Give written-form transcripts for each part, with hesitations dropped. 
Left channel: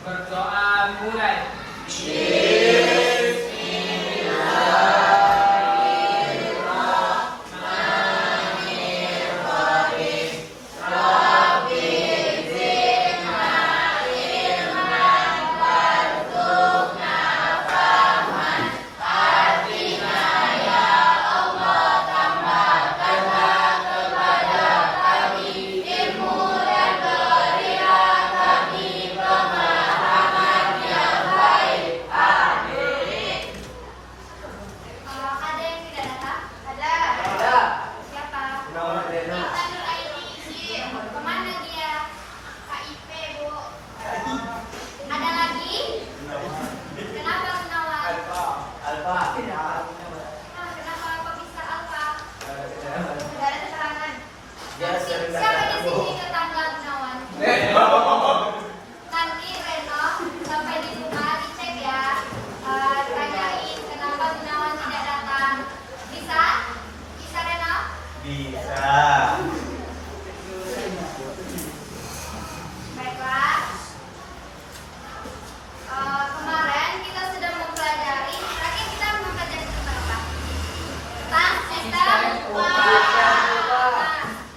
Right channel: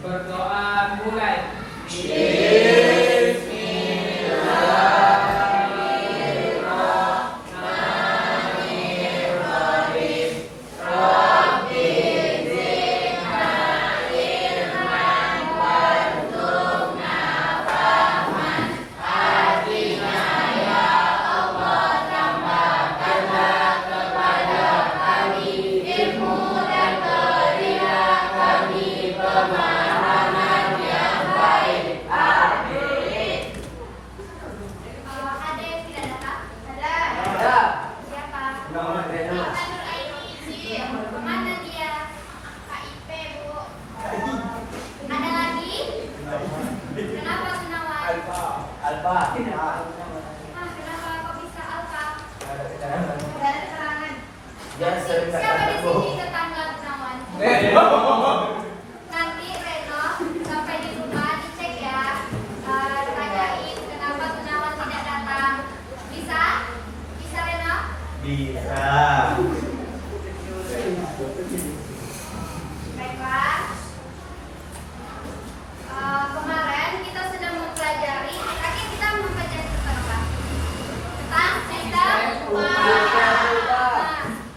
Berdoa mulai. Siapa di sini tetangga Gunawan? Nanti Reno sampai di rumah dicek ya. Tanyain kenapa Gunawan tidak datang. Bisa? Bisa Reno? Bisa. Baiklah. Kemarin kita sudah mempelajari. Terakhir kita mempelajari tentang apa? Tentang sistem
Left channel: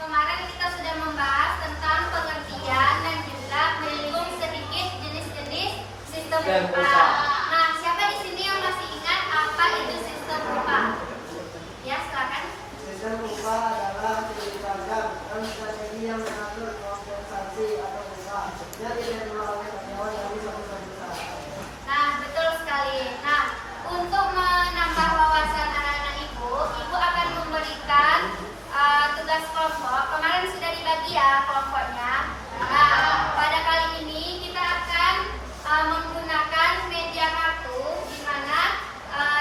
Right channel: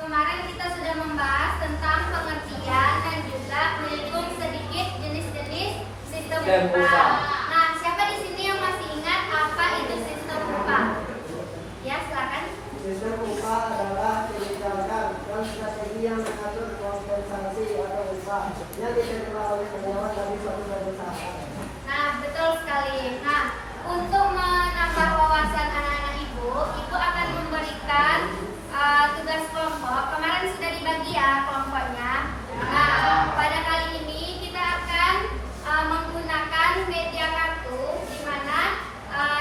kemarin kita sudah membahas tentang pengertian dan juga menyinggung sedikit jenis-jenis sistem upah. Nah, siapa di sini yang masih ingat apa itu sistem upah? Ya, silakan. Sistem upah adalah kebijakan dan strategi yang mengatur kompensasi atau upah yang diterima oleh karyawan dari suatu perusahaan. Nah, betul sekali. Nah, untuk menambah wawasan anak-anak ibu akan memberikan tugas kelompok. Kemarin sudah dibagi ya kelompoknya. Nah, pada kali ini kita akan menggunakan media kartu, di mana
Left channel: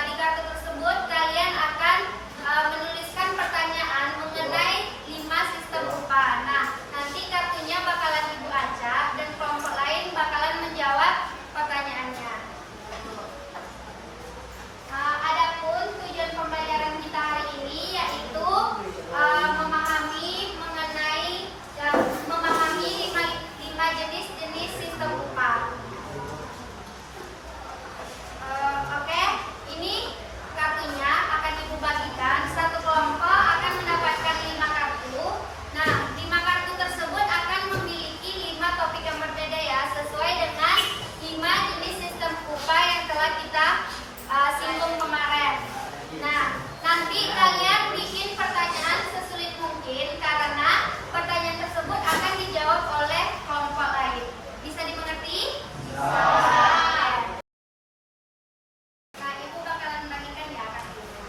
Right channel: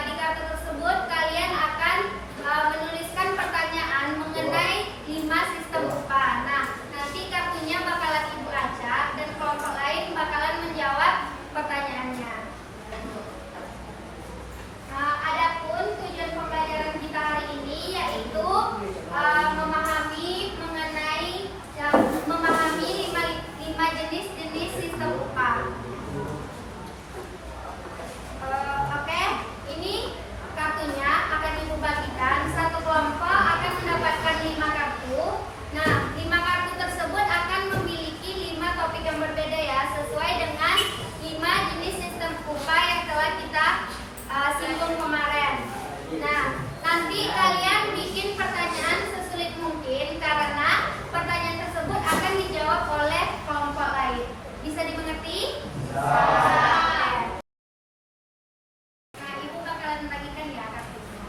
di kartu tersebut kalian akan menuliskan pertanyaan mengenai 5 sistem upah. Nah, nanti kartunya bakalan ibu acak dan kelompok lain bakalan menjawab pertanyaannya. Adapun tujuan pembelajaran kita hari ini yaitu memahami 5 jenis-jenis sistem upah. Oke, ini kartunya akan ibu bagikan. Satu kelompok akan mendapatkan 5 kartu. Nah, 5 kartu tersebut akan memiliki 5 topik yang berbeda ya, sesuai dengan 5 jenis sistem upah yang telah kita singgung kemarin. Nah, nanti kalian bikin pertanyaan sesulit mungkin karena pertanyaan tersebut akan dijawab oleh kelompok lain. Bisa dimengerti? Nah, ibu bakalan bagikan ya kartunya.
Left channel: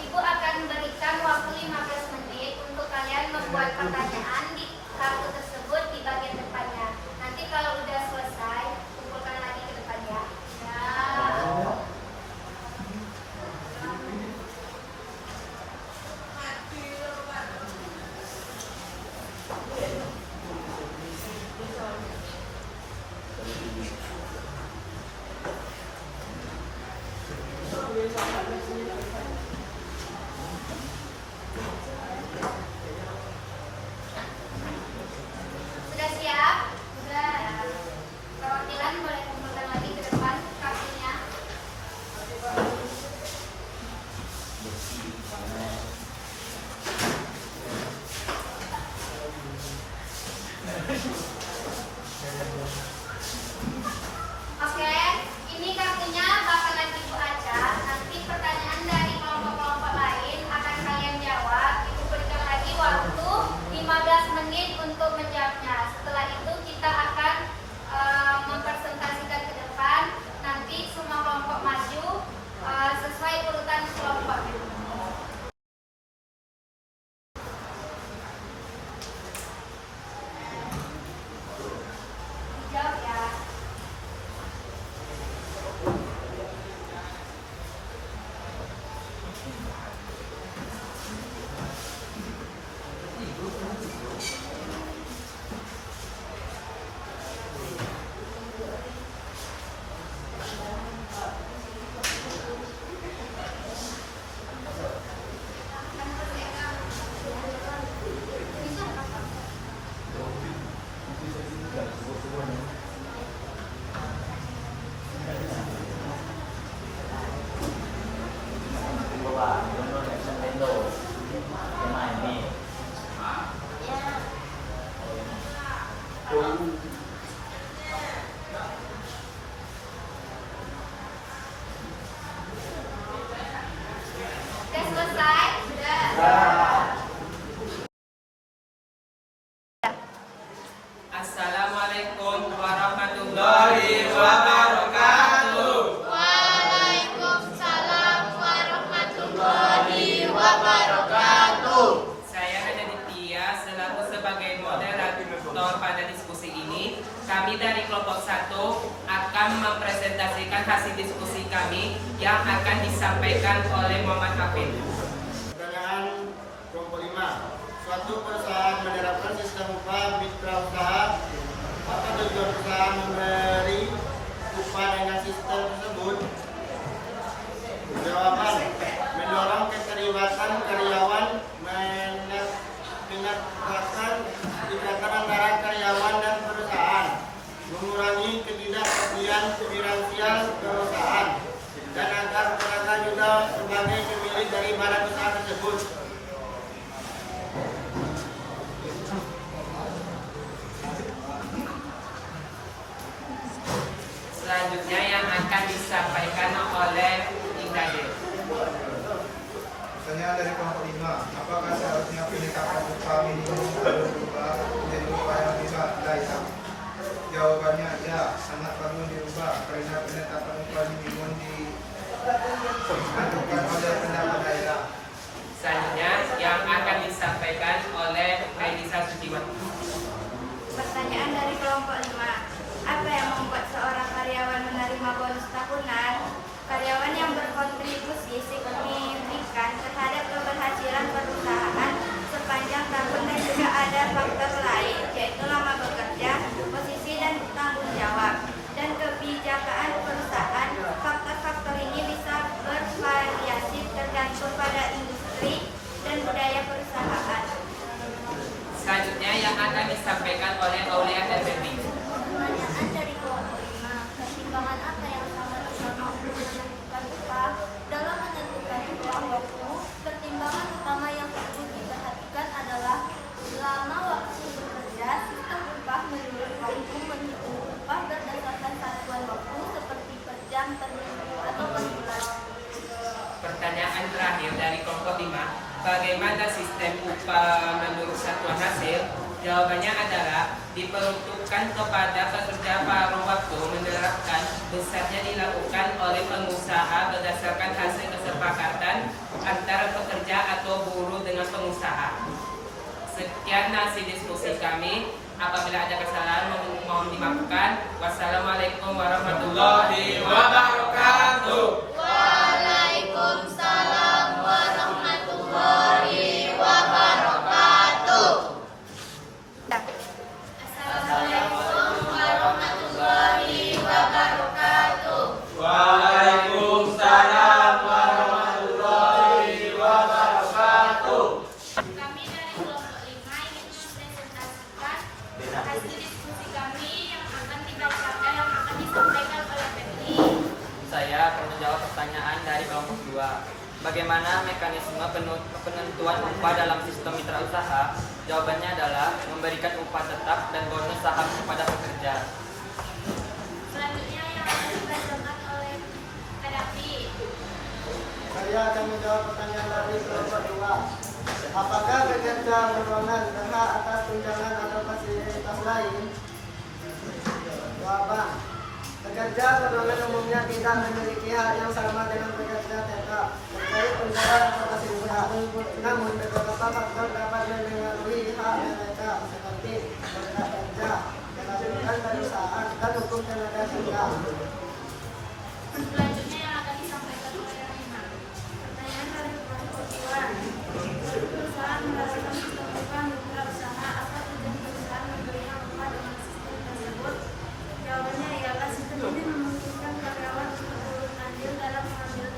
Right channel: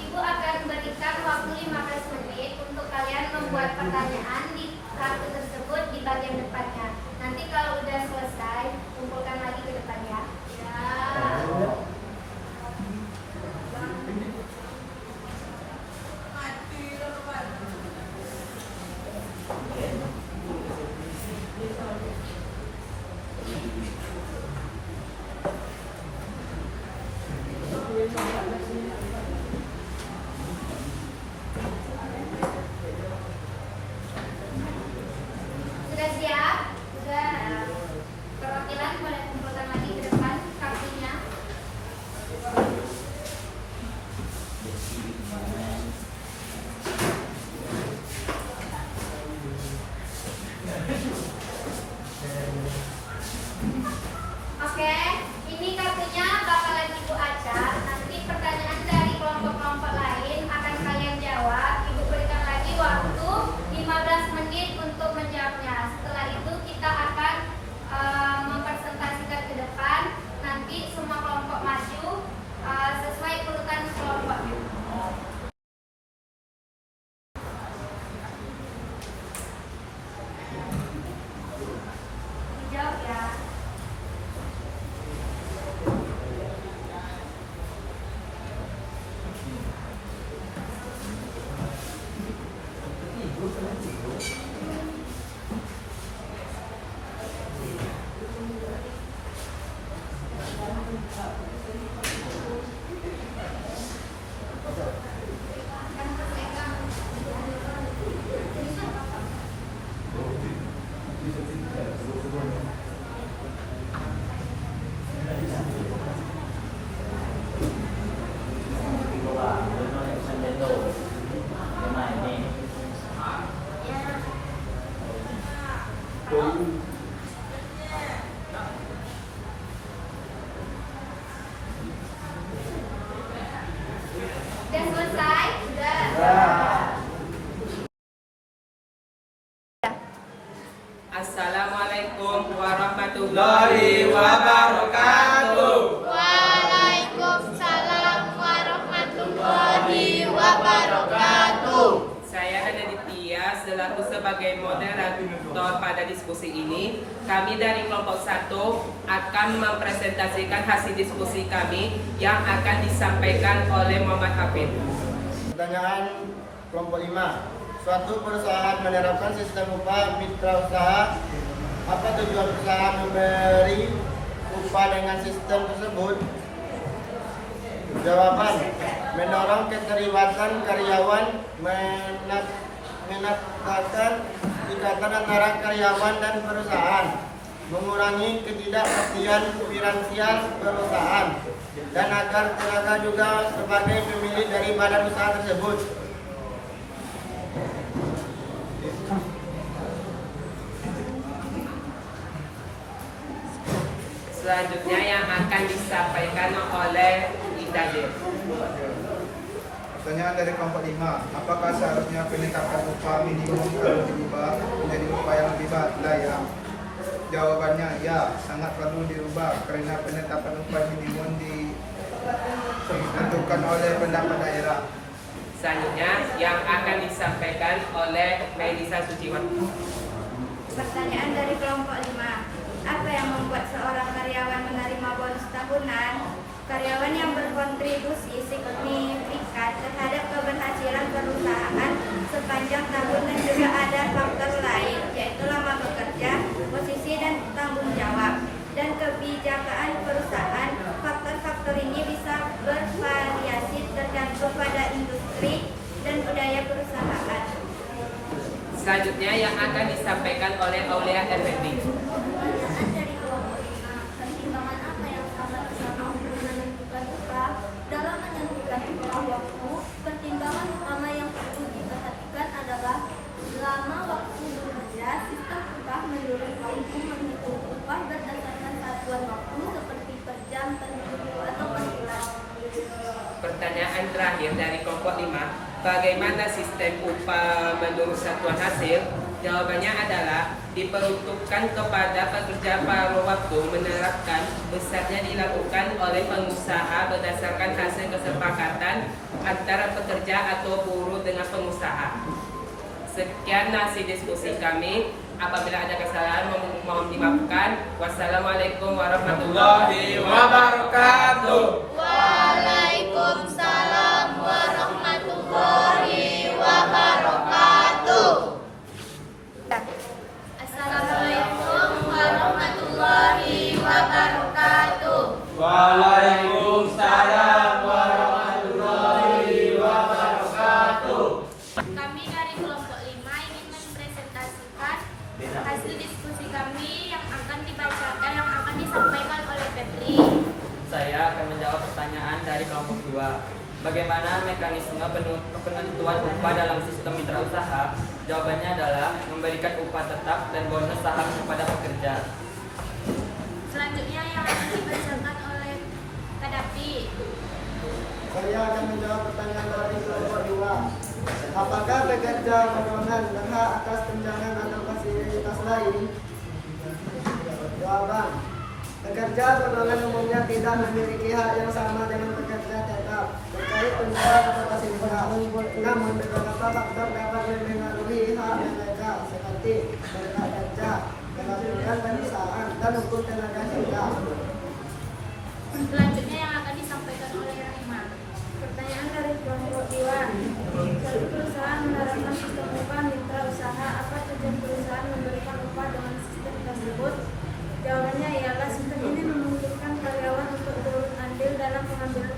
Ibu akan berikan waktu 15 menit untuk kalian membuat pertanyaan di kartu tersebut di bagian depannya. Nanti kalau udah selesai, kumpulkan lagi ke depan ya. warahmatullahi wabarakatuh. Waalaikumsalam warahmatullahi wabarakatuh. Saya Anaditya selaku sebagai moderator pada diskusi ini. Kami dari kelompok 1 akan mempresentasikan hasil diskusi kami yang akan disampaikan oleh Muhammad Hafid. Pertanyaan kelompok 5. Suatu perusahaan menerapkan sistem upah mitra usaha. Apa tujuan perusahaan memberi upah dengan sistem tersebut? Jawaban: mendorong keterlibatan karyawan, meningkatkan ikatan antara karyawan dan perusahaan, mengurangi ketidakpastian finansial perusahaan, dan agar tenaga juga sebagai pemilik daripada usaha tersebut. Selanjutnya yang akan disampaikan oleh Idadir. Pertanyaan dari kelompok 5. Apakah seharusnya penetapan upah minimum perlu diubah menjadi upah yang lebih layak? Jawabannya ya, sangat perlu diubah karena penetapan upah minimum ditentukan oleh pendapat daerah. Selanjutnya yang akan disampaikan oleh Melisa Suciwati. Pertanyaan dari kelompok 5. Apa yang membuat seorang karyawan menerima bonus tahunan? Karyawan yang berkontribusi signifikan terhadap keberhasilan perusahaan sepanjang tahun, dan juga ada faktor lain yaitu lama bekerja, posisi dan tanggung jawab, dan kebijakan perusahaan. Faktor-faktor ini bisa bervariasi tergantung pada industri dan budaya perusahaan. Selanjutnya yang akan disampaikan oleh Aulia Effendi. Dari kelompok 5, pertimbangan apa yang sangat utama untuk menentukan upah? Dalam menentukan upah waktu, pertimbangan utama yang perlu diperhatikan adalah lama waktu bekerja. Sistem upah menurut waktu menghitung upah berdasarkan satuan waktu seperti per jam, per minggu, atau per bulan. Pertanyaan terakhir dari kelompok 5. Bagaimana sistem upah menurut satuan hasil? Jawabannya adalah diperuntukkan kepada pekerja paruh waktu, menerapkan besarnya dilakukan oleh pengusaha berdasarkan hasil kesepakatan antara pekerja atau buruh dengan pengusaha. Sekian hasil diskusi kami. Apabila ada kesalahan mohon dimaafkan. Wassalamualaikum warahmatullahi wabarakatuh. Waalaikumsalam warahmatullahi wabarakatuh. Assalamualaikum warahmatullahi wabarakatuh. Waalaikumsalam warahmatullahi wabarakatuh. Kami dari kelompok 5 ingin mempresentasikan hasil diskusi kami yang akan dibacakan, yang akan disampaikan oleh Petri. Saya akan menjawab pertanyaan dari kelompok 2. Bagaimana mekanisme penentuan upah dalam sistem mitra usaha? Jawabannya adalah memberikan upah tetap dan bonus saham kepada pekerja. Selanjutnya yang akan dibacakan oleh Kadafi. Saya akan menjawab pertanyaan dari kelompok 2. Apakah pekerja modongan berhak atas tunjangan atau fasilitas lain? Jawaban: pekerja modongan umumnya tidak memiliki hak yang sama dengan pekerja tetap terkait tunjangan atau fasilitas. Namun beberapa faktor dapat mempengaruhi hak mereka seperti kontrak kerja, peraturan perusahaan, dan hukum tenaga kerja. Selanjutnya yang akan disampaikan oleh Rahima. Pertanyaan dari kelompok 2. Suatu perusahaan menerapkan sistem upah mitra usaha. Apa tujuan perusahaan memberikan upah dengan sistem tersebut? Jawabannya ialah sistem ini memungkinkan karyawan untuk turut andil dalam pengambilan